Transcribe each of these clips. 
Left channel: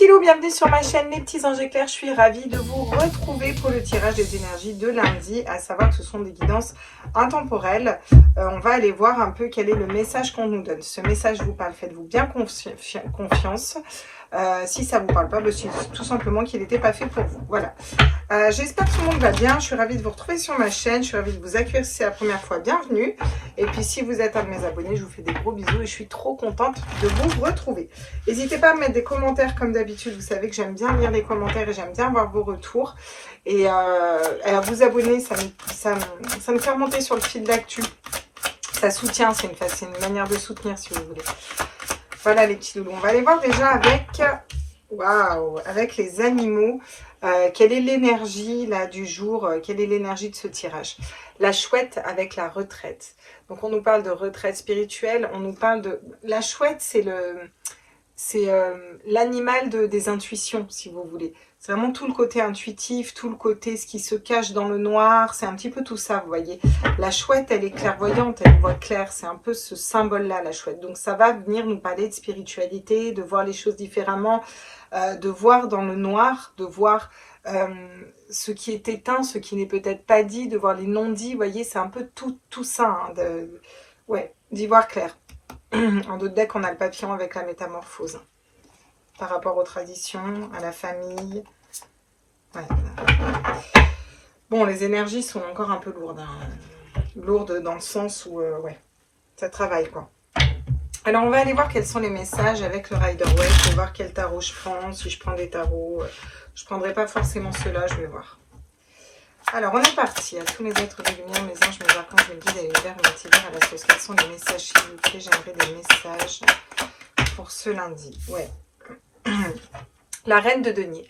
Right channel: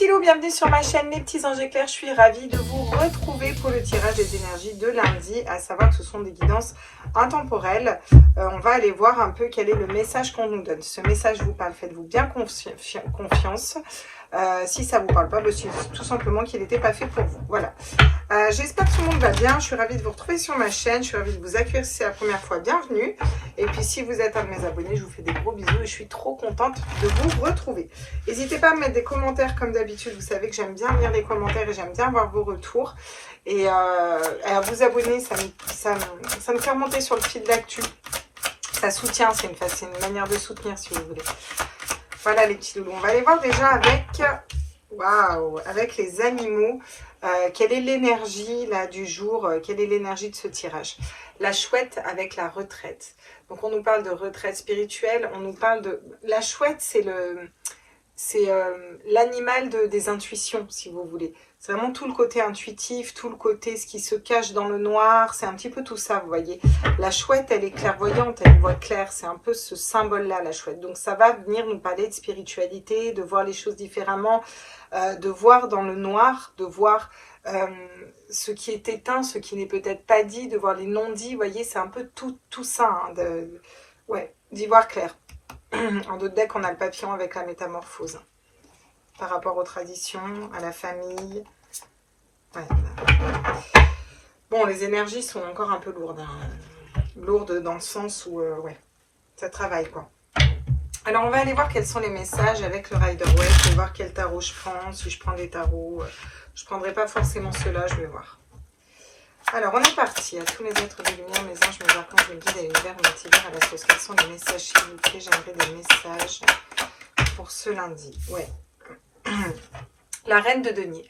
petits loups, bienvenue sur ma chaîne Les Petits Anges Éclairs. Je suis ravie de vous retrouver pour le tirage des énergies de lundi, à savoir que ce sont des guidances intemporelles. On va aller voir un peu quel est le message qu'on nous donne. Ce message vous parle, faites-vous bien confiance. Si ça vous parle pas, c'est tout simplement qu'il n'était pas fait pour vous. Voilà. J'espère que tout le monde va bien. Je suis ravie de vous retrouver sur ma chaîne. Je suis ravie de vous accueillir si c'est la première fois. Bienvenue. Et puis si vous êtes un de mes abonnés, je vous fais des gros bisous et je suis trop contente de vous retrouver. N'hésitez pas à me mettre des commentaires comme d'habitude. Vous savez que j'aime bien lire les commentaires et j'aime bien voir vos retours. Et à vous abonner, ça me fait remonter sur le fil d'actu. Ça soutient, c'est une manière de soutenir si vous voulez. Voilà les petits loulous. On va aller voir déjà avec les animaux. Quelle est l'énergie là du jour? Quelle est l'énergie de ce tirage? La chouette avec la retraite. Donc on nous parle de retraite spirituelle. On nous parle de... La chouette, c'est l'animal des intuitions, si vous voulez. C'est vraiment tout le côté intuitif, tout le côté ce qui se cache dans le noir. C'est un petit peu tout ça, vous voyez. La chouette, elle est clairvoyante, elle voit clair. C'est un peu ce symbole-là, la chouette. Donc ça va venir nous parler de spiritualité, de voir les choses différemment, de voir dans le noir, de voir ce qui est éteint, ce qui n'est peut-être pas dit, de voir les non-dits. Vous voyez, c'est un peu tout ça, hein, d'y voir clair. En d'autres decks, on a le papillon avec la métamorphose. Par rapport aux traditions, à la famille. Ouais. Bon, les énergies sont encore un peu lourdes. Hein. Lourdes dans le sens où, ça travaille, quoi. Alors, on va aller voir quels sont les messages avec le Rider-Waite. Je vais voir quel tarot je prends. Si je prends des tarots, je ne prendrai pas forcément ceux-là, je vais voir. Alors, on est parti. À tous mes êtres de lumière, mes anges, mes archanges, mes guides, à l'univers, au multivers, à la sauce. Quels sont les messages, s'il vous plaît? J'aimerais des messages pour ce lundi. Ouais. La reine de denier.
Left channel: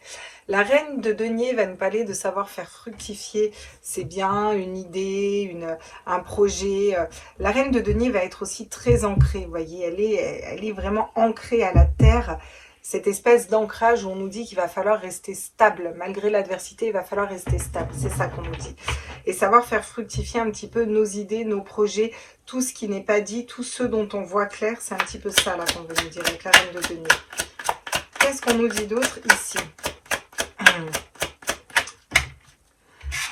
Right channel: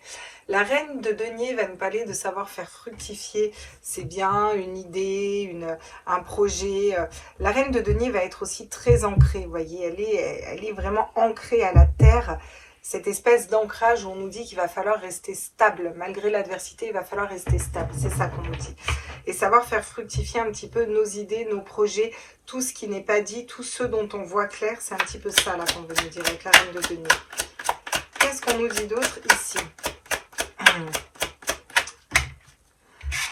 La reine de denier va nous parler de savoir faire fructifier. C'est bien, une idée, un projet. La reine de denier va être aussi très ancrée, vous voyez. Elle est vraiment ancrée à la terre. Cette espèce d'ancrage où on nous dit qu'il va falloir rester stable. Malgré l'adversité, il va falloir rester stable. C'est ça qu'on nous dit. Et savoir faire fructifier un petit peu nos idées, nos projets, tout ce qui n'est pas dit, tout ce dont on voit clair. C'est un petit peu ça là qu'on veut nous dire avec la reine de denier. Qu'est-ce qu'on nous dit d'autre ici?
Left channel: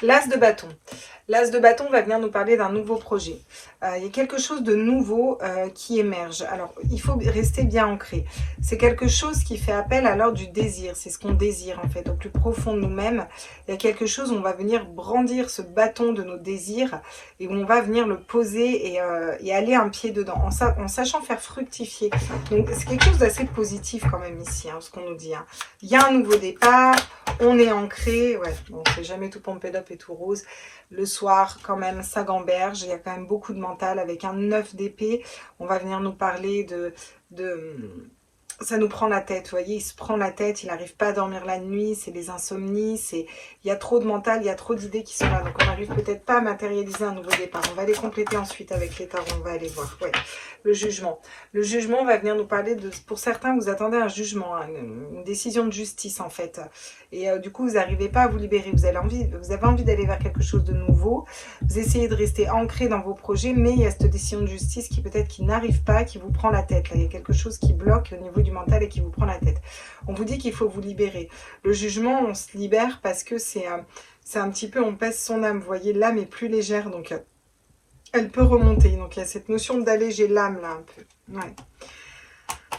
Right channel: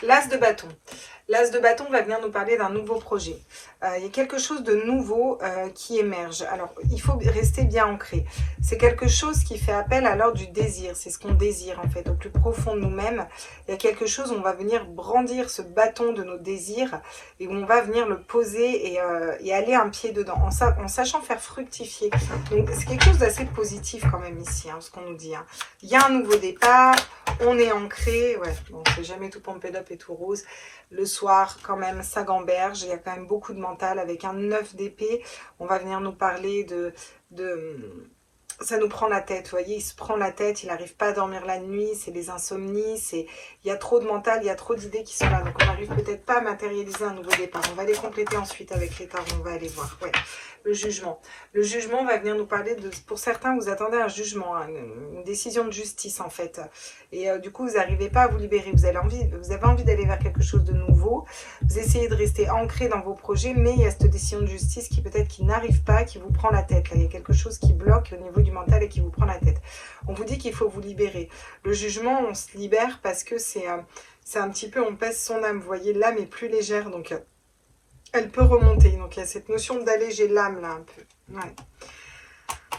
L'as de bâton. L'as de bâton va venir nous parler d'un nouveau projet. Il y a quelque chose de nouveau qui émerge. Alors, il faut rester bien ancré. C'est quelque chose qui fait appel à l'ordre du désir. C'est ce qu'on désire, en fait, au plus profond de nous-mêmes. Il y a quelque chose où on va venir brandir ce bâton de nos désirs et où on va venir le poser et aller un pied dedans, en sachant faire fructifier. Donc, c'est quelque chose d'assez positif quand même ici, hein, ce qu'on nous dit. Hein. Il y a un nouveau départ, on est ancré. Ouais, bon, c'est jamais tout pompé d'up et tout rose. Le soir, quand même, ça gamberge. Il y a quand même beaucoup de mental avec un 9 d'épée. On va venir nous parler ça nous prend la tête, vous voyez, il se prend la tête, il n'arrive pas à dormir la nuit, c'est des insomnies, il y a trop de mental, il y a trop d'idées qui sont là, donc on n'arrive peut-être pas à matérialiser un nouveau départ. On va les compléter ensuite avec les tarots, on va aller voir. Ouais. Le jugement. Le jugement va venir nous parler de, pour certains, vous attendez un jugement, hein, une décision de justice en fait, et du coup vous n'arrivez pas à vous libérer, vous avez envie d'aller vers quelque chose de nouveau, vous essayez de rester ancré dans vos projets, mais il y a cette décision de justice qui peut-être qui n'arrive pas, qui vous prend la tête, là. Il y a quelque chose qui bloque au niveau du mental et qui vous prend la tête. On vous dit qu'il faut vous libérer. Le jugement, on se libère parce que c'est un petit peu, on pèse son âme, vous voyez, l'âme est plus légère, donc elle peut remonter. Donc il y a cette notion d'alléger l'âme là un peu. Ouais.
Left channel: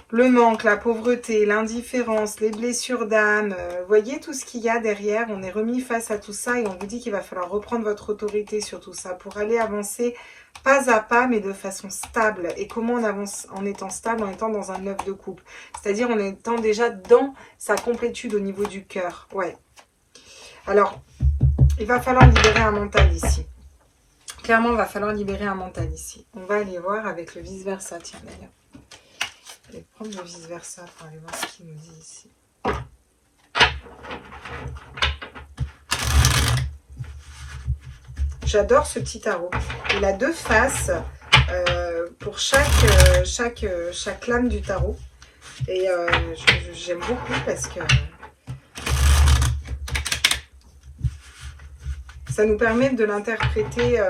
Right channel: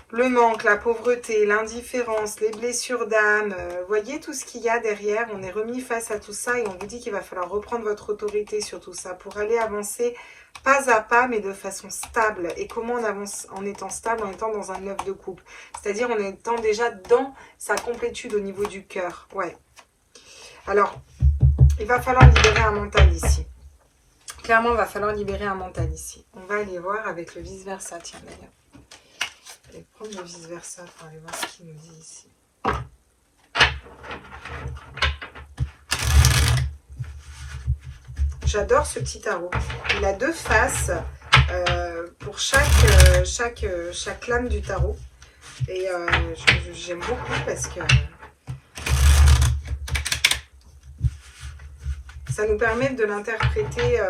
Le manque, la pauvreté, l'indifférence, les blessures d'âme, voyez tout ce qu'il y a derrière. On est remis face à tout ça et on vous dit qu'il va falloir reprendre votre autorité sur tout ça pour aller avancer pas à pas, mais de façon stable. Et comment on avance en étant stable? En étant dans un 9 de coupe. C'est-à-dire en étant déjà dans sa complétude au niveau du cœur. Ouais. Alors, il va falloir libérer un mental ici. Clairement, il va falloir libérer un mental ici. On va aller voir avec le vice-versa. Tiens, d'ailleurs. Je vais prendre le vice-versa pour aller voir ce qu'il nous dit ici. J'adore ce petit tarot. Il a deux faces pour chaque lame du tarot. Et j'aime beaucoup parce que ça nous permet de l'interpréter,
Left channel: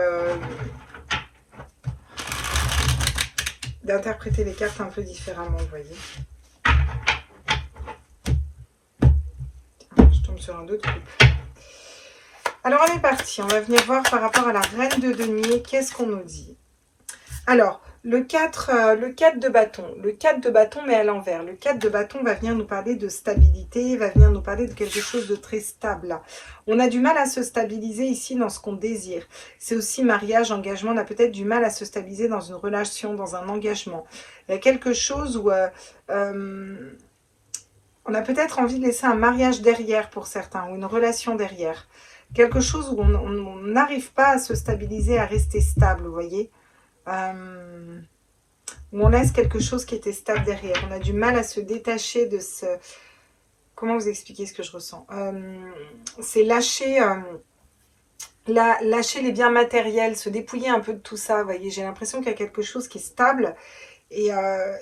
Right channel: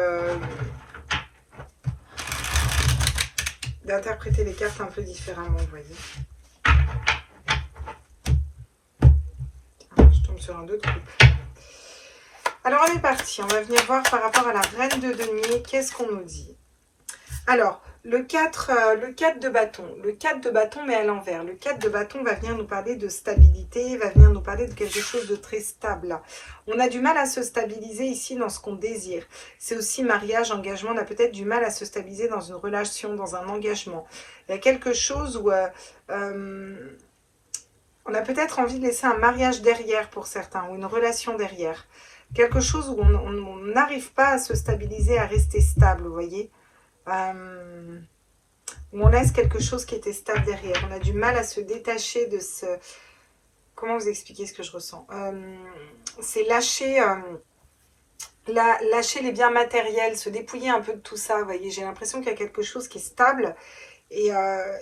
d'interpréter les cartes un peu différemment, vous voyez. sur un 2 de coupe. Alors, on est parti. On va venir voir par rapport à la reine de denier. Qu'est-ce qu'on nous dit? Alors, le 4 de bâton. Le 4 de bâton, mais à l'envers. Le 4 de bâton va venir nous parler de stabilité, va venir nous parler de quelque chose de très stable. On a du mal à se stabiliser ici dans ce qu'on désire. C'est aussi mariage, engagement. On a peut-être du mal à se stabiliser dans une relation, dans un engagement. Il y a quelque chose où on a peut-être envie de laisser un mariage derrière pour certains, ou une relation derrière. Quelque chose où on n'arrive pas à se stabiliser, à rester stable, vous voyez. Où on laisse quelque chose qui était stable derrière. On a du mal à se détacher de ce... Comment vous expliquer ce que je ressens? C'est lâcher, lâcher les biens matériels, se dépouiller un peu de tout ça, vous voyez. J'ai l'impression qu'il y a quelque chose qui est stable et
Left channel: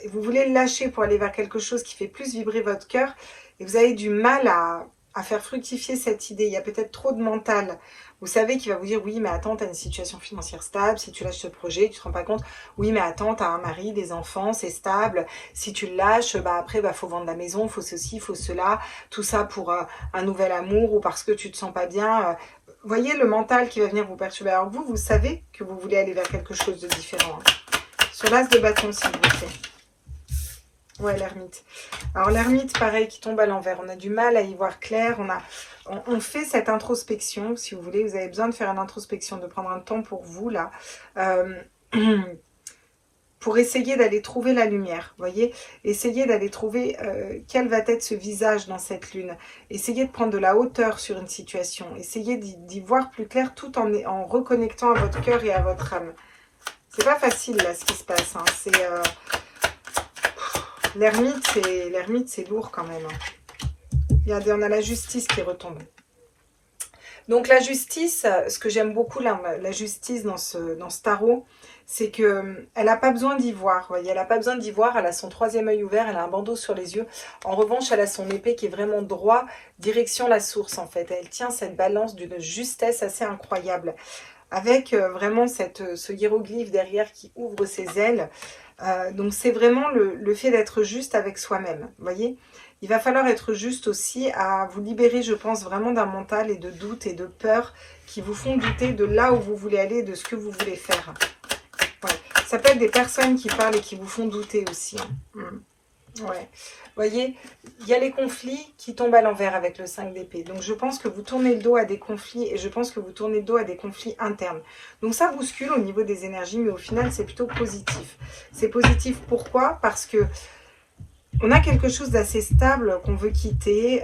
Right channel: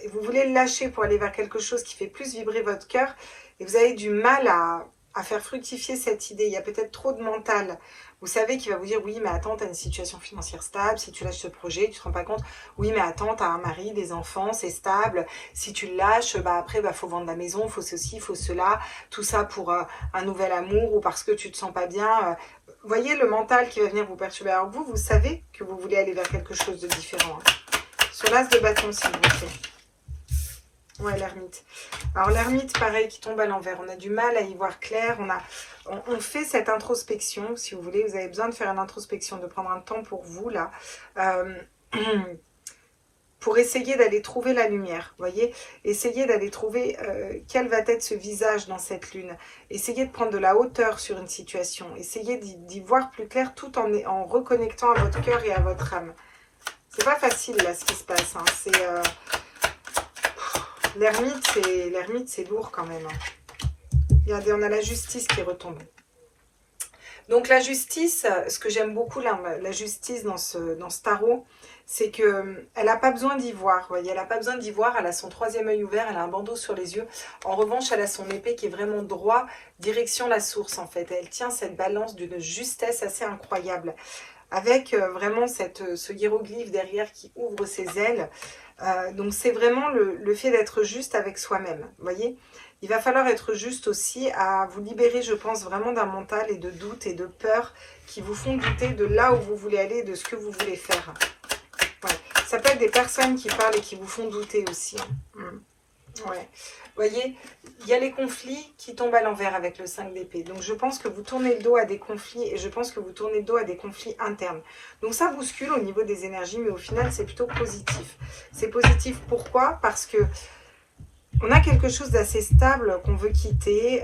vous voulez le lâcher pour aller vers quelque chose qui fait plus vibrer votre cœur et vous avez du mal à faire fructifier cette idée. Il y a peut-être trop de mental. Vous savez qu'il va vous dire, oui, mais attends, tu as une situation financière stable. Si tu lâches ce projet, tu ne te rends pas compte. Oui, mais attends, tu as un mari, des enfants, c'est stable. Si tu le lâches, bah après, bah, faut vendre la maison, il faut ceci, il faut cela. Tout ça pour un nouvel amour ou parce que tu ne te sens pas bien. Voyez le mental qui va venir vous perturber. Alors vous, vous savez que vous voulez aller vers quelque chose de différent. Hein. Sur l'as de bâton, s'il vous plaît. Ouais, l'ermite. Alors l'ermite, pareil, qui tombe à l'envers. On a du mal à y voir clair. On fait cette introspection, si vous voulez. Vous avez besoin de faire une introspection, de prendre un temps pour vous, là. Pour essayer d'aller trouver la lumière, voyez. Essayez d'aller trouver quel va être ce visage dans cette lune. Essayez de prendre de la hauteur sur une situation. Essayez d'y voir plus clair tout en reconnectant à votre cœur et à votre âme. C'est pas facile, là, ce qui se passe. Hein. C'est... L'ermite, c'est lourd quand même. Regardez, on a la justice qui retombe. Donc la justice, ce que j'aime beaucoup, là, la justice dans ce tarot, c'est qu'elle n'a pas besoin d'y voir. Voyez, elle n'a pas besoin d'y voir, elle a son troisième œil ouvert, elle a un bandeau sur les yeux. En revanche, elle a son épée qui est vraiment droit, direction la source en fait. Elle tient cette balance d'une justesse assez incroyable. Avec vraiment ce hiéroglyphe derrière qui ouvre ses ailes. Donc c'est vraiment le fait d'être juste avec soi-même, vous voyez. Il va falloir être juste aussi à vous libérer, je pense, vraiment d'un mental et de doute et de peur qui vous font douter de là où vous voulez aller, de ce que vous voulez faire. Ouais. Ça peut être des personnes qui parlent et qui vous font douter aussi. Ouais. Vous voyez, il y a les conflits qui tombent à l'envers avec le 5 d'épée. Donc, je pense que vous tournez le dos à des conflits et je pense que vous tournez le dos à des conflits internes. Donc, ça bouscule au niveau des énergies, mais au final, c'est plutôt positif. C'est positif pourquoi? Parce que on a quelque chose d'assez stable qu'on veut quitter.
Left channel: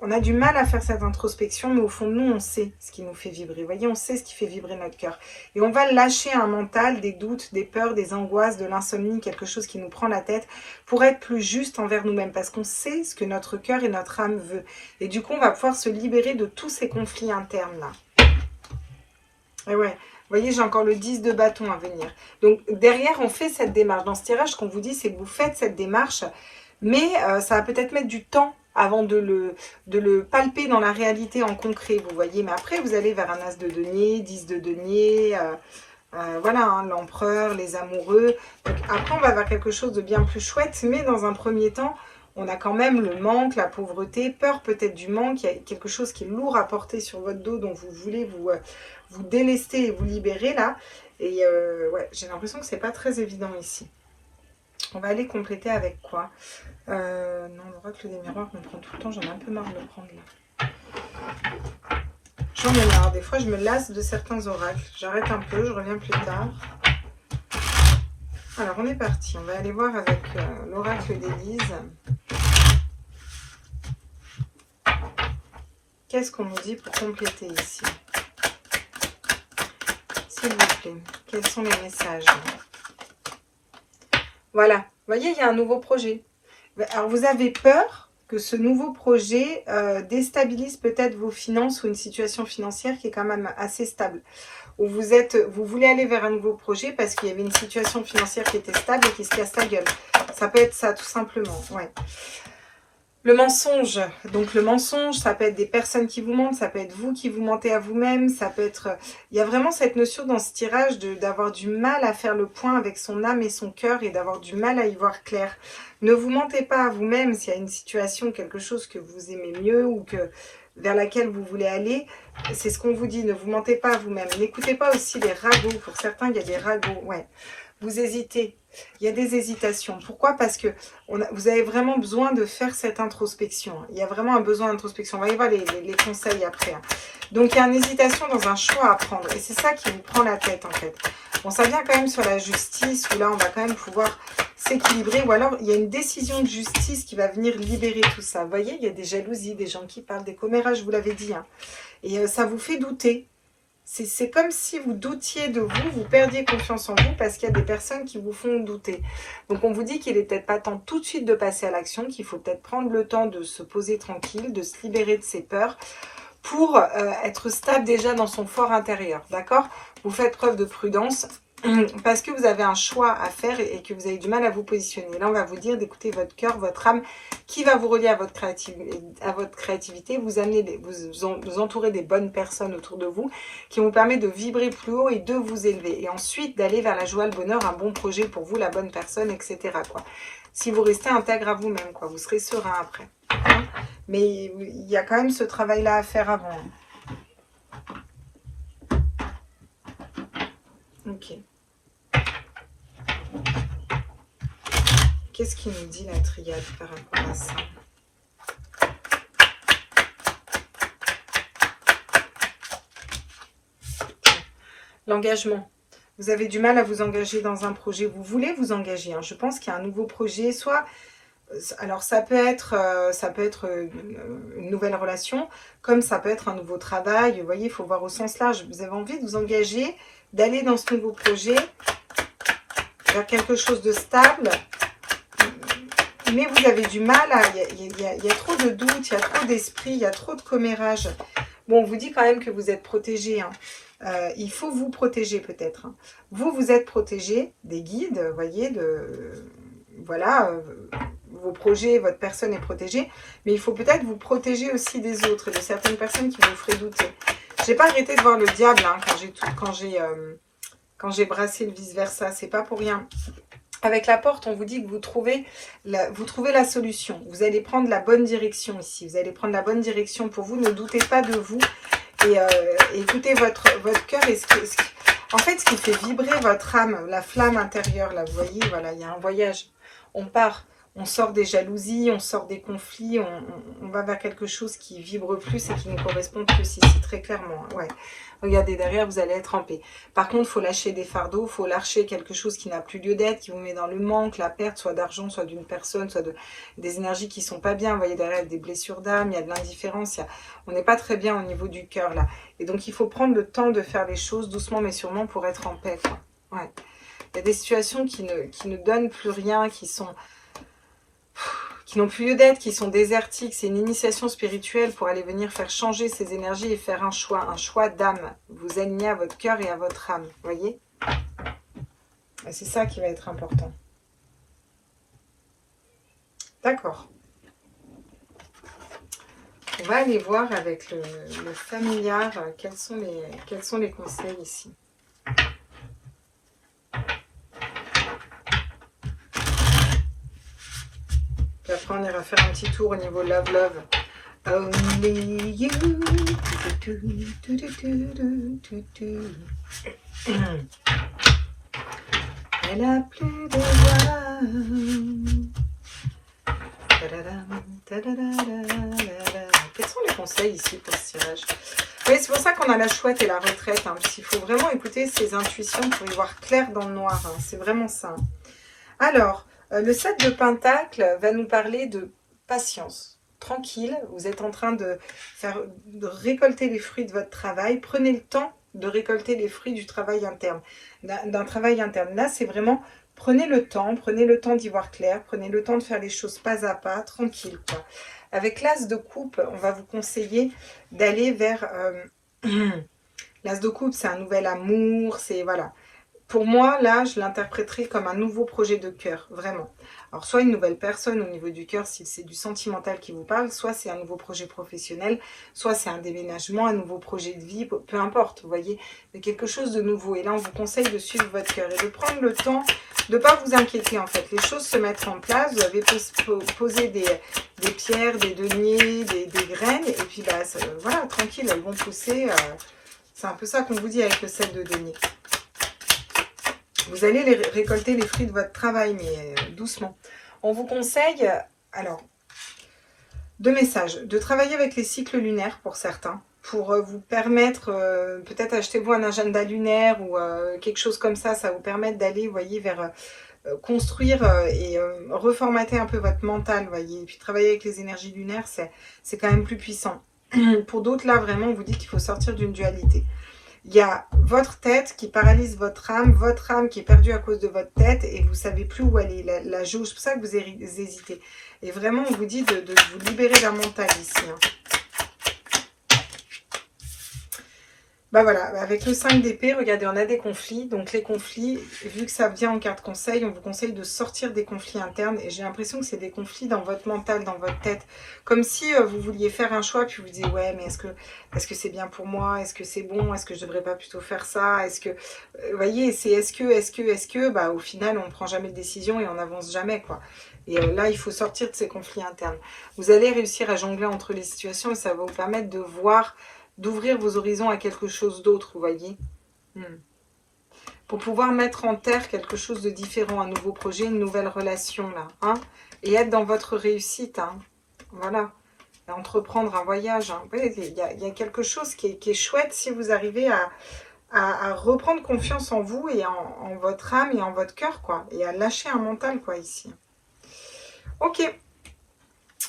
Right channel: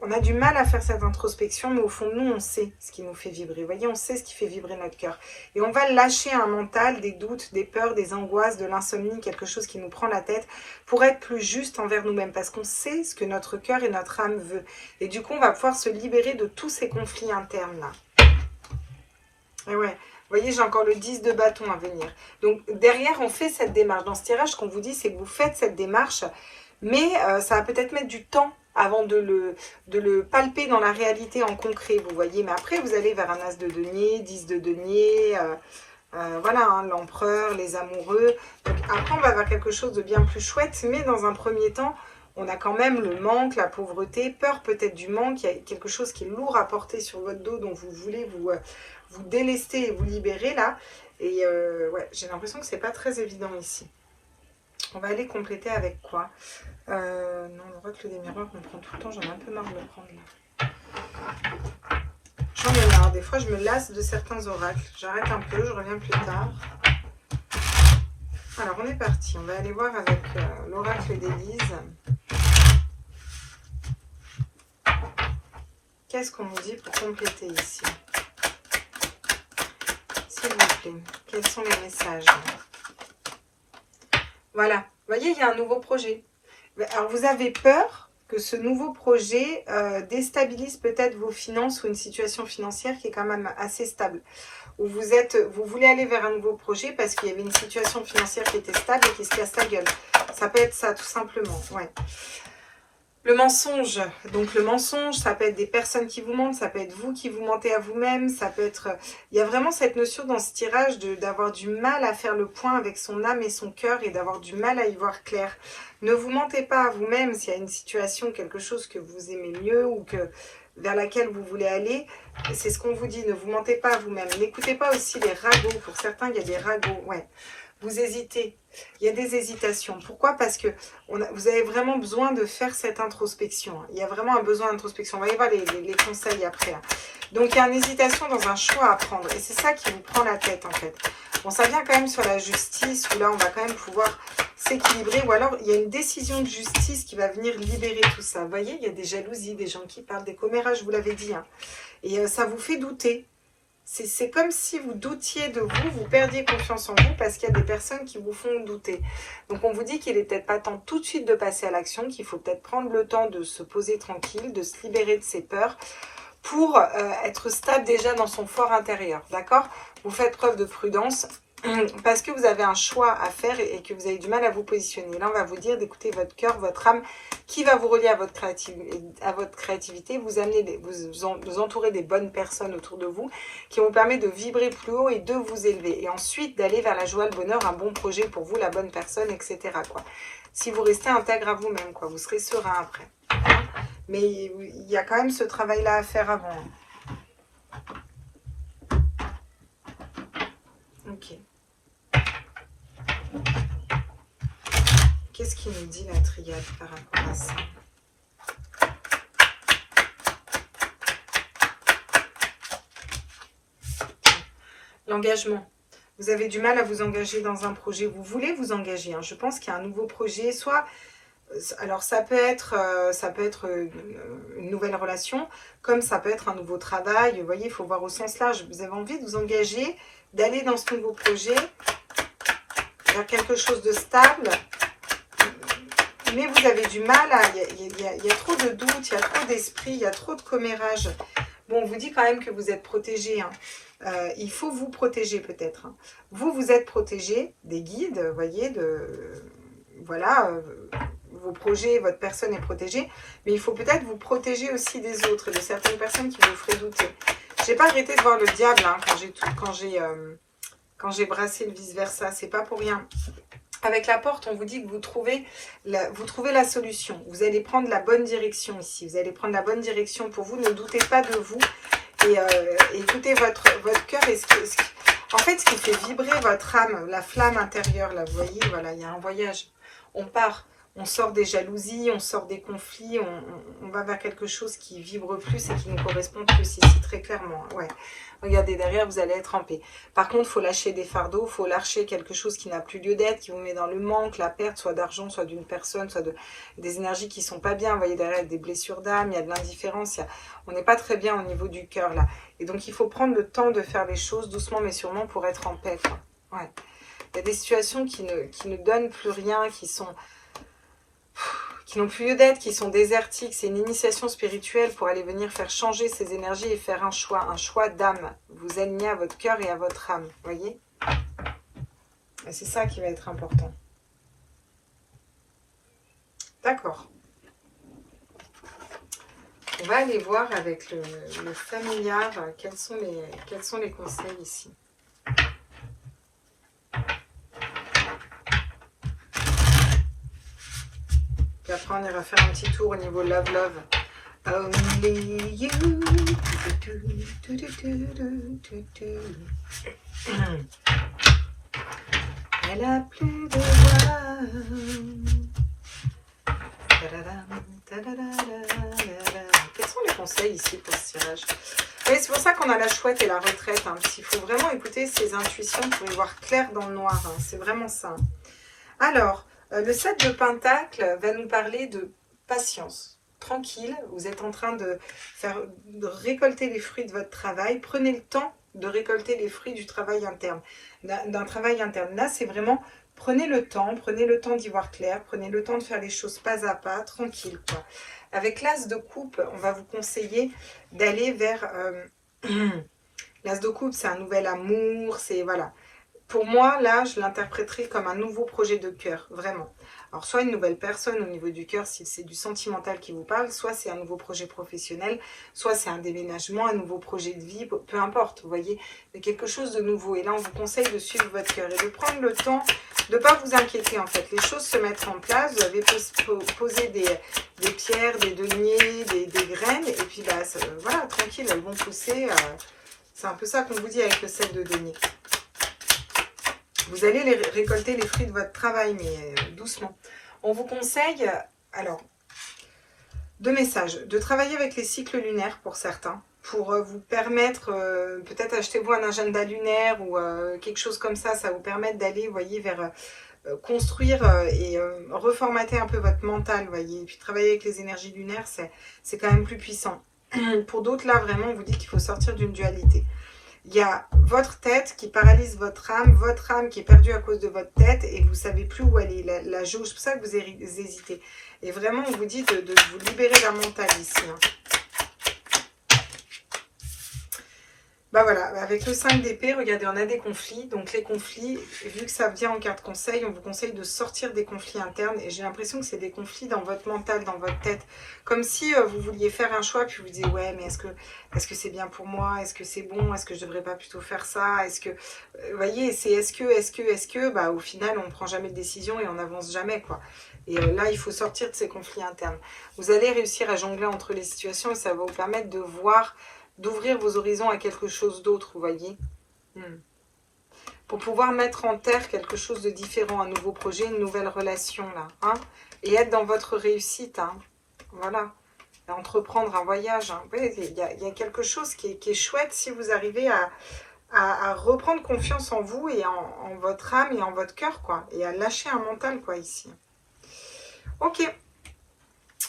On a du mal à faire cette introspection, mais au fond de nous, on sait ce qui nous fait vibrer. Vous voyez, on sait ce qui fait vibrer notre cœur. Et on va lâcher un mental, des doutes, des peurs, des angoisses, de l'insomnie, quelque chose qui nous prend la tête, pour être plus juste envers nous-mêmes. Parce qu'on sait ce que notre cœur et notre âme veut. Et du coup, on va pouvoir se libérer de tous ces conflits internes-là. Et ouais. Vous voyez, j'ai encore le 10 de bâton à venir. Donc, derrière, on fait cette démarche. Dans ce tirage, ce qu'on vous dit, c'est que vous faites cette démarche, mais ça va peut-être mettre du temps avant de le palper dans la réalité en concret, vous voyez. Mais après, vous allez vers un as de denier, 10 de denier, voilà, hein, l'empereur, les amoureux. Donc, après, on va vers quelque chose de bien plus chouette, mais dans un premier temps, on a quand même le manque, la pauvreté, peur peut-être du manque. Il y a quelque chose qui est lourd à porter sur votre dos, dont vous voulez vous délester et vous libérer là. Et ouais, j'ai l'impression que c'est pas très évident ici. On va aller compléter avec quoi? Non, l'oracle des miroirs me prend tout le temps. J'en ai un peu marre de le prendre là. J'en ai marre. Des fois, je me lasse de certains oracles. J'arrête un peu, je reviens plus tard. Alors, on est parti. On va aller voir avec l'oracle d'Élise. Qu'est-ce qu'on nous dit pour compléter ici? S'il vous plaît, quels sont les messages? Voilà, vous voyez, il y a un nouveau projet. Alors, vous avez peur que ce nouveau projet déstabilise peut-être vos finances ou une situation financière qui est quand même assez stable. Où vous voulez aller vers un nouveau projet parce qu'il y avait une situation financière qui était stable et qui se casse la gueule. Ça peut être ça, tout simplement, ouais. Le mensonge, donc le mensonge, ça peut être des personnes qui vous mentent, ça peut être vous qui vous mentez à vous-même, ça peut être... Il y a vraiment cette notion dans ce tirage d'avoir du mal à faire le point avec son âme et son cœur et d'avoir du mal à y voir clair. Ne vous mentez pas à vous-même s'il y a une situation, quelque chose que vous aimez mieux ou que vers laquelle vous voulez aller. C'est ce qu'on vous dit, ne vous mentez pas à vous-même. N'écoutez pas aussi les ragots. Pour certains, il y a des ragots. Ouais. Vous hésitez. Il y a des hésitations. Pourquoi? Parce que vous avez vraiment besoin de faire cette introspection. Il y a vraiment un besoin d'introspection. On va y voir les conseils après. Donc, il y a une hésitation dans un choix à prendre. Et c'est ça qui vous prend la tête, en fait. Bon, ça vient quand même sur la justice, où là, on va quand même pouvoir s'équilibrer. Ou alors, il y a une décision de justice qui va venir libérer tout ça. Vous voyez, il y a des jalousies, des gens qui parlent, des commérages, je vous l'avais dit. Hein. Et ça vous fait douter. C'est comme si vous doutiez de vous, vous perdiez confiance en vous parce qu'il y a des personnes qui vous font douter. Donc on vous dit qu'il n'est peut-être pas temps tout de suite de passer à l'action, qu'il faut peut-être prendre le temps de se poser tranquille, de se libérer de ses peurs pour être stable déjà dans son fort intérieur, d'accord? Vous faites preuve de prudence parce que vous avez un choix à faire et que vous avez du mal à vous positionner. Là, on va vous dire d'écouter votre cœur, votre âme, qui va vous relier à votre créativité, vous amener, vous entourer des bonnes personnes autour de vous, qui vont vous permettre de vibrer plus haut et de vous élever. Et ensuite, d'aller vers la joie, le bonheur, un bon projet pour vous, la bonne personne, etc. quoi. Si vous restez intègre à vous-même, quoi, vous serez serein après. Hein. Mais il y a quand même ce travail-là à faire avant. Ok. Qu'est-ce qu'il nous dit la triade par rapport à ça? L'engagement. Vous avez du mal à vous engager dans un projet. Vous voulez vous engager. Hein. Je pense qu'il y a un nouveau projet. Soit, alors ça peut être une nouvelle relation, comme ça peut être un nouveau travail. Vous voyez, il faut voir au sens large. Vous avez envie de vous engager, d'aller dans ce nouveau projet, vers quelque chose de stable. Mais vous avez du mal, il y a trop de doutes, il y a trop d'esprit, il y a trop de commérages. Bon, on vous dit quand même que vous êtes protégé. Hein. Il faut vous protéger peut-être. Hein. Vous êtes protégé des guides, vous voyez, voilà, vos projets, votre personne est protégée. Mais il faut peut-être vous protéger aussi des autres, de certaines personnes qui vous feraient douter. J'ai pas arrêté de voir le diable hein, quand j'ai brassé le vice-versa. C'est pas pour rien. Avec la porte, on vous dit que vous trouvez la solution. Vous allez prendre la bonne direction ici. Vous allez prendre la bonne direction pour vous. Ne doutez pas de vous. Et écoutez votre cœur. En fait, ce qui fait vibrer votre âme, la flamme intérieure, là, vous voyez, voilà, il y a un voyage. On part. On sort des jalousies, on sort des conflits. On va vers quelque chose qui vibre plus et qui nous correspond plus ici, très clairement. Ouais. Regardez, derrière, vous allez être en paix. Par contre, il faut lâcher des fardeaux, il faut lâcher quelque chose qui n'a plus lieu d'être, qui vous met dans le manque, la perte, soit d'argent, soit d'une personne, soit des énergies qui ne sont pas bien. Vous voyez, derrière, des blessures d'âme, il y a de l'indifférence. On n'est pas très bien au niveau du cœur, là. Et donc, il faut prendre le temps de faire les choses doucement, mais sûrement pour être en paix, quoi. Ouais. Il y a des situations qui ne donnent plus rien, qui n'ont plus lieu d'être, qui sont désertiques. C'est une initiation spirituelle pour aller venir faire changer ces énergies et faire un choix d'âme. Vous aligner à votre cœur et à votre âme, vous voyez? C'est ça qui va être important. D'accord. On va aller voir avec le familiar quels sont les conseils ici. Puis après, on ira faire un petit tour au niveau love. Only you. Elle a plus de voix. Quels sont les conseils ici pour ce tirage? Oui, c'est pour ça qu'on a la chouette et la retraite. Hein, parce qu'il faut vraiment écouter ses intuitions pour y voir clair dans le noir. Hein, c'est vraiment ça. Hein. Alors, le 7 de Pentacle va nous parler de patience. Tranquille, vous êtes en train de récolter les fruits de votre travail. Prenez le temps de récolter les fruits du travail interne, d'un travail interne. Là, c'est vraiment, prenez le temps d'y voir clair, prenez le temps de faire les choses pas à pas, tranquille, quoi. Avec l'As de coupe, on va vous conseiller d'aller vers... L'As de coupe, c'est un nouvel amour, c'est... Voilà. Pour moi, là, je l'interpréterai comme un nouveau projet de cœur, vraiment. Alors, soit une nouvelle personne au niveau du cœur, si c'est du sentimental qui vous parle, soit c'est un nouveau projet professionnel, soit c'est un déménagement, un nouveau projet de vie, peu importe, vous voyez, il y a quelque chose de nouveau. Et là, on vous conseille de suivre votre cœur et de prendre le temps de ne pas vous inquiéter, en fait. Les choses se mettent en place, vous avez posé des pierres, des deniers, des graines, et puis, bah, voilà, tranquille, elles vont pousser. C'est un peu ça qu'on vous dit avec le sel de denier. Vous allez récolter les fruits de votre travail, mais doucement. On vous conseille, alors, 2 messages. De travailler avec les cycles lunaires pour certains, pour vous permettre, peut-être achetez-vous un agenda lunaire ou quelque chose comme ça vous permet d'aller, vous voyez, vers construire et reformater un peu votre mental, vous voyez. Et puis travailler avec les énergies lunaires, c'est quand même plus puissant. Pour d'autres, là, vraiment, on vous dit qu'il faut sortir d'une dualité. Il y a votre tête qui paralyse votre âme qui est perdue à cause de votre tête et vous ne savez plus où aller, la jauge. C'est pour ça que vous hésitez. Et vraiment, on vous dit de vous libérer d'un mental ici. Hein. Bah voilà, avec le 5 d'épée, regardez, on a des conflits. Donc les conflits, vu que ça vient en carte conseil, on vous conseille de sortir des conflits internes. Et j'ai l'impression que c'est des conflits dans votre mental, dans votre tête. Comme si vous vouliez faire un choix, puis vous disiez, ouais, mais est-ce que c'est bien pour moi? Est-ce que c'est bon? Est-ce que je devrais pas plutôt faire ça? Est-ce que, vous voyez, c'est est-ce que, bah au final, on ne prend jamais de décision et on n'avance jamais, quoi. Et là, il faut sortir de ces conflits internes. Vous allez réussir à jongler entre les situations et ça va vous permettre de voir, d'ouvrir vos horizons à quelque chose d'autre, vous voyez. Pour pouvoir mettre en terre quelque chose de différent, un nouveau projet, une nouvelle relation, là. Hein, et être dans votre réussite, hein. Voilà. Et entreprendre un voyage. Hein. Vous voyez, il y a quelque chose qui est chouette si vous arrivez à reprendre confiance en vous et en votre âme et en votre cœur, quoi. Et à lâcher un mental, quoi, ici. Ok.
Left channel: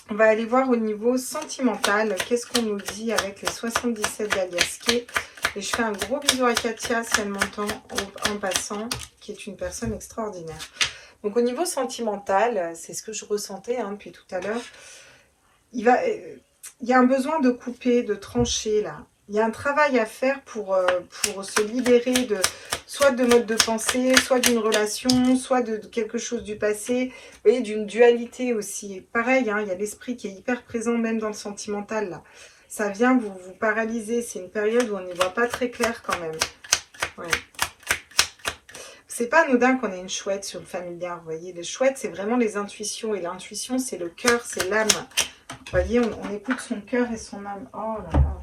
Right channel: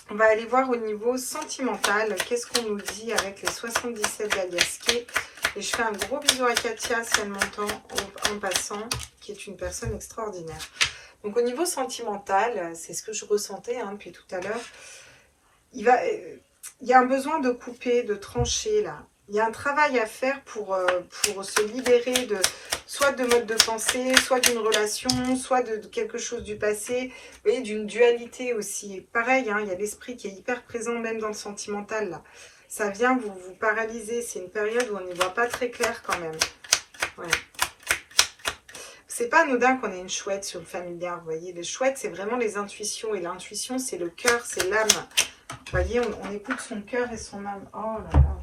On va aller voir au niveau sentimental. Qu'est-ce qu'on nous dit avec les 77 d'Aliaské. Et je fais un gros bisou à Katia, si elle m'entend en passant, qui est une personne extraordinaire. Donc au niveau sentimental, c'est ce que je ressentais depuis tout à l'heure. Il y a un besoin de couper, de trancher là. Il y a un travail à faire pour se libérer soit de mode de pensée, soit d'une relation, soit de quelque chose du passé. Vous voyez, d'une dualité aussi. Pareil, il y a l'esprit qui est hyper présent même dans le sentimental là. Ça vient vous paralyser. C'est une période où on n'y voit pas très clair quand même. Ouais. C'est pas anodin qu'on ait une chouette sur le familiar, vous voyez. Les chouettes, c'est vraiment les intuitions. Et l'intuition, c'est le cœur, c'est l'âme. Vous voyez, on écoute son cœur et son âme. Oh là là.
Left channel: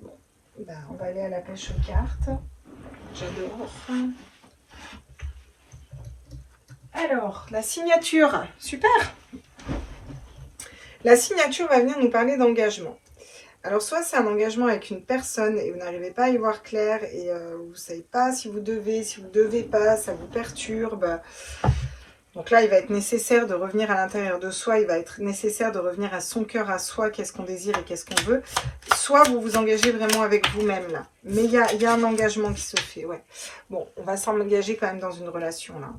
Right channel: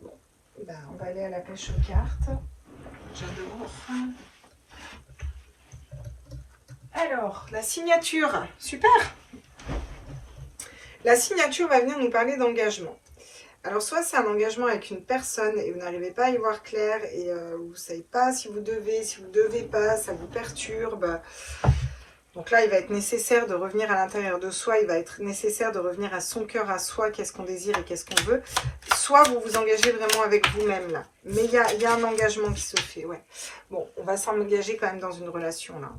Bon, ben, on va aller à la pêche aux cartes. J'adore. Alors, la signature. Super. La signature va venir nous parler d'engagement. Alors, soit c'est un engagement avec une personne et vous n'arrivez pas à y voir clair et vous ne savez pas si vous devez pas, ça vous perturbe. Donc là, il va être nécessaire de revenir à l'intérieur de soi, il va être nécessaire de revenir à son cœur, à soi, qu'est-ce qu'on désire et qu'est-ce qu'on veut. Soit vous vous engagez vraiment avec vous-même là. Mais il y a un engagement qui se fait, ouais. Bon, on va s'engager quand même dans une relation là.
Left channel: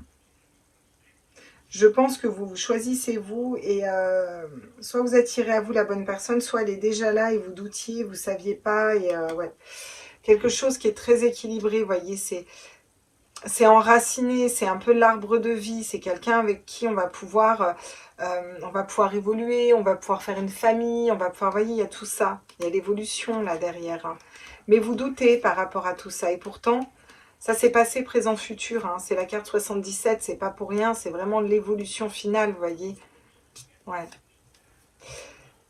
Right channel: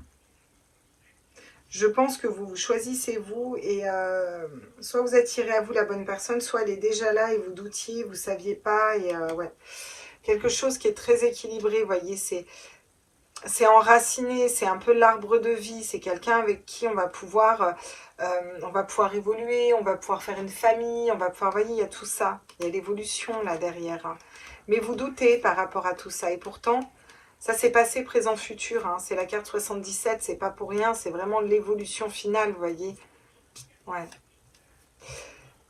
Je pense que vous choisissez vous et soit vous attirez à vous la bonne personne, soit elle est déjà là et vous doutiez, vous ne saviez pas. Et ouais, quelque chose qui est très équilibré, vous voyez, c'est enraciné, c'est un peu l'arbre de vie, c'est quelqu'un avec qui on va pouvoir évoluer, on va pouvoir faire une famille, on va pouvoir, vous voyez, il y a tout ça, il y a l'évolution là derrière. Hein. Mais vous doutez par rapport à tout ça et pourtant... Ça s'est passé présent futur, hein. C'est la carte 77, c'est pas pour rien, c'est vraiment l'évolution finale, vous voyez. Ouais.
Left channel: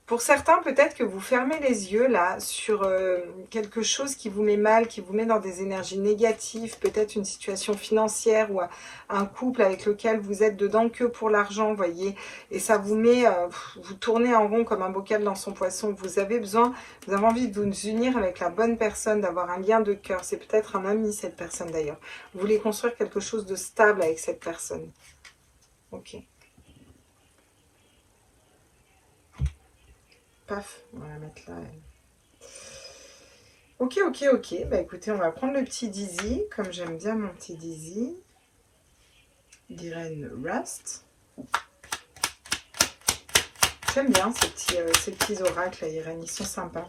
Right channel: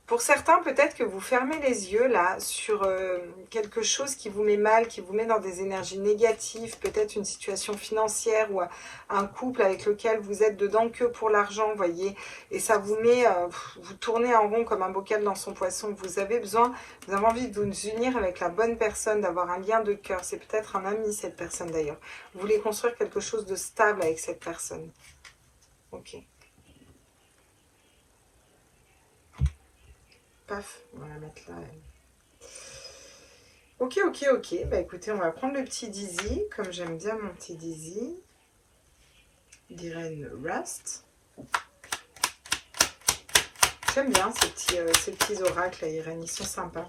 Pour certains, peut-être que vous fermez les yeux là sur quelque chose qui vous met mal, qui vous met dans des énergies négatives, peut-être une situation financière ou un couple avec lequel vous êtes dedans que pour l'argent, vous voyez. Et ça vous met, vous tournez en rond comme un bocal dans son poisson. Vous avez envie de vous unir avec la bonne personne, d'avoir un lien de cœur. C'est peut-être un ami, cette personne d'ailleurs. Vous voulez construire quelque chose de stable avec cette personne. Ok. Paf, on va la mettre là. Ok. Bah écoutez, on va prendre le petit Dizzy, comme j'aime bien mon petit Dizzy. D'Irène Rust. J'aime bien ces petits oracles à Irène, ils sont sympas.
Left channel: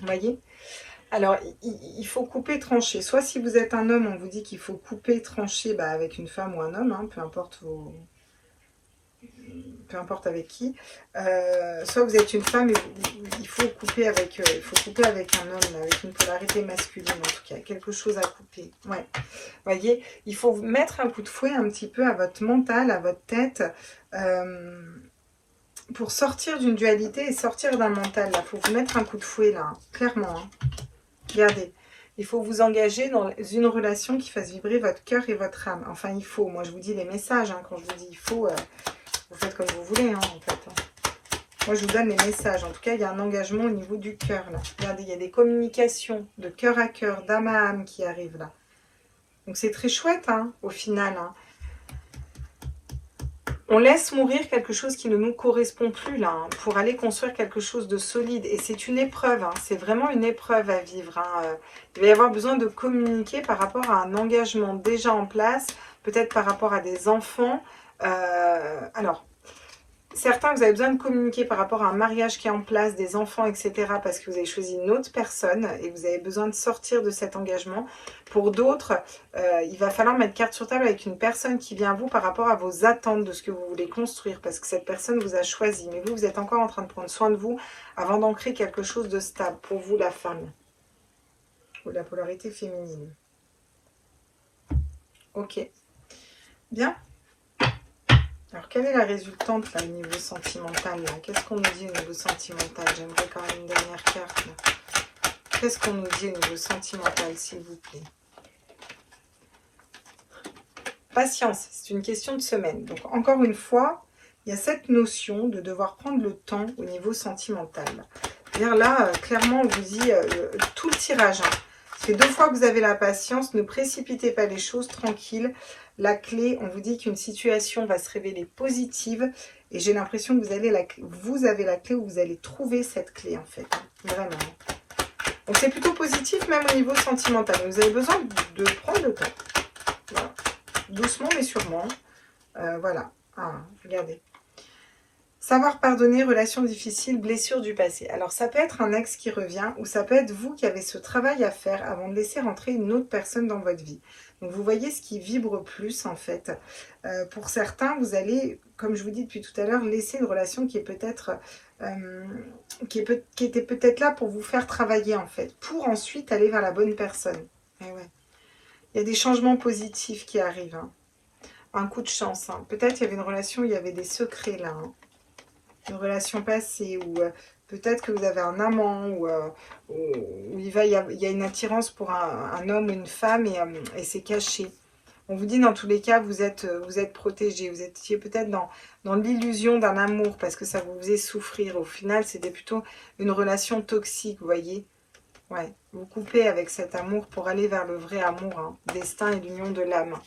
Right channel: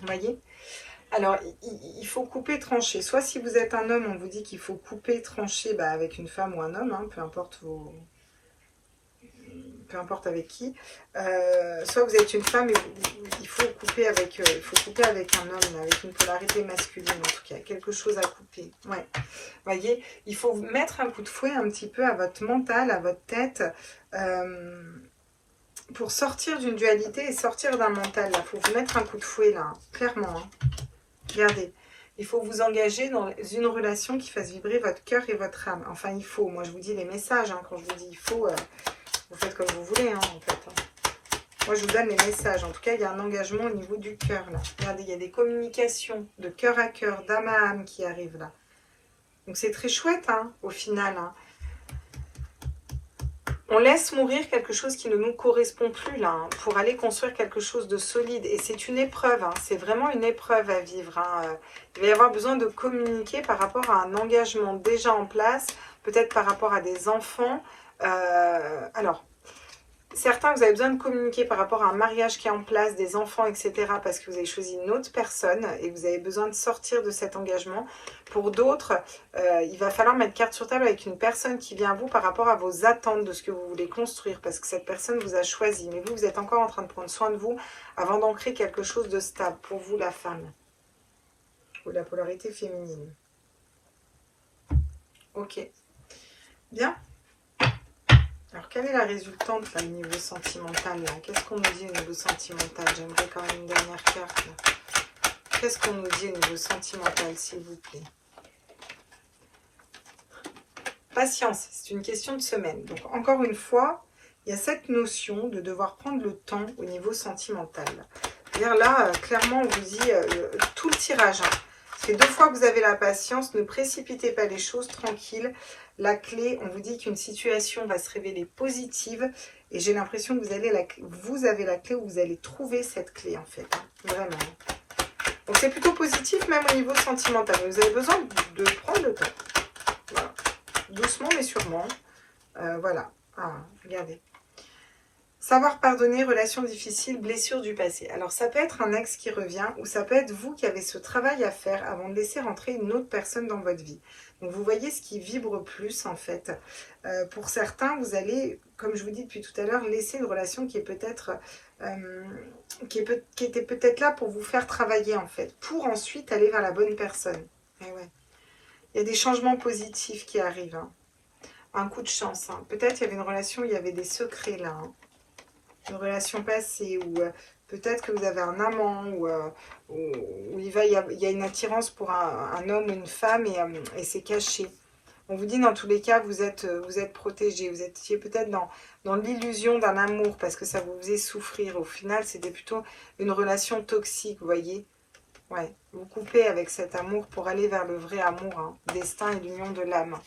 Vous voyez? Alors, il faut couper, trancher. Soit si vous êtes un homme, on vous dit qu'il faut couper, trancher avec une femme ou un homme, hein, peu importe peu importe avec qui, soit vous êtes une femme et il faut couper avec, un homme, avec une polarité masculine en tout cas, quelque chose à couper. Ouais. Voyez, il faut mettre un coup de fouet un petit peu à votre mental, à votre tête, pour sortir d'une dualité et sortir d'un mental. Il faut vous mettre un coup de fouet là, hein, clairement. Hein. Regardez. Il faut vous engager dans une relation qui fasse vibrer votre cœur et votre âme. Enfin, il faut. Moi, je vous dis les messages. Hein, quand je vous dis il faut, vous faites comme vous voulez, hein, en fait. Hein. Moi, je vous donne les messages. En tout cas, il y a un engagement au niveau du cœur, là. Regardez, il y a des communications de cœur à cœur, d'âme à âme qui arrivent, là. Donc, c'est très chouette, hein, au final. Hein. On laisse mourir quelque chose qui ne nous correspond plus, là, hein, pour aller construire quelque chose de solide. Et c'est une épreuve, hein, c'est vraiment une épreuve à vivre. Hein. Il va y avoir besoin de communiquer par rapport à un engagement déjà en place, peut-être par rapport à des enfants. Alors, certains, vous avez besoin de communiquer par rapport à un mariage qui est en place, des enfants, etc. parce que vous avez choisi une autre personne et vous avez besoin de sortir de cet engagement. Pour d'autres, il va falloir mettre carte sur table avec une personne qui vient à vous par rapport à vos attentes de ce que vous voulez construire parce que cette personne vous a choisi. Mais vous, vous êtes encore en train de prendre soin de vous avant d'ancrer quelque chose de stable pour vous, la femme. Ou la polarité féminine. Ok. Bien. Alors, quelle est la résultante là, au niveau sentimental? Qu'est-ce qu'on nous dit au niveau sentimental? J'aimerais quand même une dernière carte. Qu'est-ce qu'on nous dit au niveau sentimental, s'il vous plaît? Patience, c'est une question de semaine. Donc, encore une fois, il y a cette notion de devoir prendre le temps au niveau sentimental. C'est-à-dire là, clairement, on vous dit tout le tirage. Hein. Ça fait 2 fois que vous avez la patience, ne précipitez pas les choses, tranquille. La clé, on vous dit qu'une situation va se révéler positive et j'ai l'impression que vous avez la clé ou vous allez trouver cette clé en fait, hein, vraiment. Donc c'est plutôt positif même au niveau sentimental. Vous avez besoin de prendre le temps, voilà. Doucement mais sûrement. Voilà, ah, regardez. Savoir pardonner, relations difficiles, blessures du passé. Alors ça peut être un ex qui revient ou ça peut être vous qui avez ce travail à faire avant de laisser rentrer une autre personne dans votre vie. Donc vous voyez ce qui vibre plus en fait. Pour certains, vous allez, comme je vous dis depuis tout à l'heure, laisser une relation qui est peut-être qui était peut-être là pour vous faire travailler en fait, pour ensuite aller vers la bonne personne. Et ouais. Il y a des changements positifs qui arrivent. Hein. Un coup de chance. Hein. Peut-être il y avait une relation où il y avait des secrets là. Hein. Une relation passée ou peut-être que vous avez un amant ou il y a une attirance pour un homme ou une femme et c'est caché. On vous dit dans tous les cas, vous êtes protégé. Vous étiez peut-être dans l'illusion d'un amour parce que ça vous faisait souffrir. Au final, c'était plutôt une relation toxique, vous voyez. Ouais, vous coupez avec cet amour pour aller vers le vrai amour, hein, destin et l'union de l'âme.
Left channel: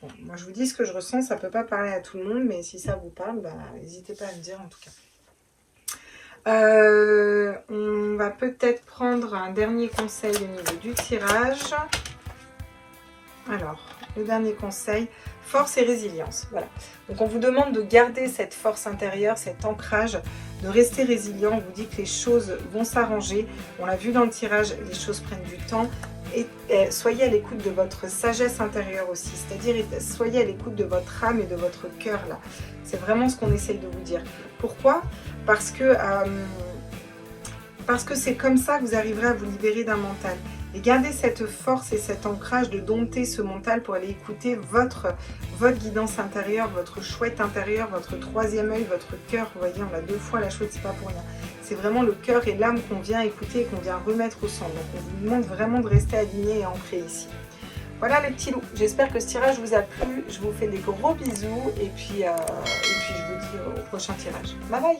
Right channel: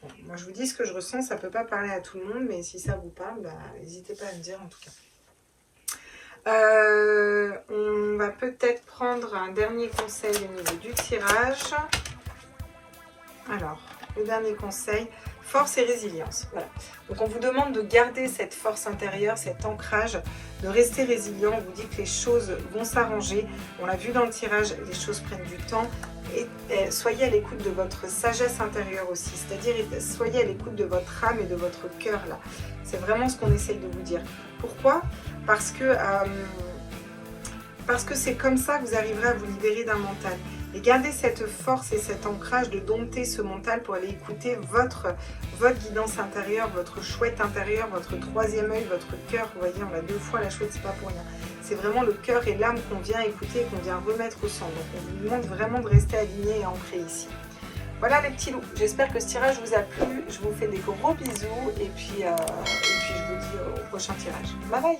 Bon, moi, je vous dis ce que je ressens, ça ne peut pas parler à tout le monde, mais si ça vous parle, bah, n'hésitez pas à me dire en tout cas. On va peut-être prendre un dernier conseil au niveau du tirage. Alors, le dernier conseil, force et résilience. Voilà. Donc, on vous demande de garder cette force intérieure, cet ancrage, de rester résilient. On vous dit que les choses vont s'arranger. On l'a vu dans le tirage, les choses prennent du temps. Et soyez à l'écoute de votre sagesse intérieure aussi, c'est-à-dire soyez à l'écoute de votre âme et de votre cœur là. C'est vraiment ce qu'on essaie de vous dire. Pourquoi? Parce que c'est comme ça que vous arriverez à vous libérer d'un mental. Et gardez cette force et cet ancrage de dompter ce mental pour aller écouter votre guidance intérieure, votre chouette intérieure, votre troisième œil, votre cœur. Vous voyez, on l'a 2 fois, la chouette, c'est pas pour rien. C'est vraiment le cœur et l'âme qu'on vient écouter et qu'on vient remettre au centre. Donc, on vous demande vraiment de rester aligné et ancré ici. Voilà les petits loups. J'espère que ce tirage vous a plu. Je vous fais des gros bisous et puis je vous dis au prochain tirage. Bye bye!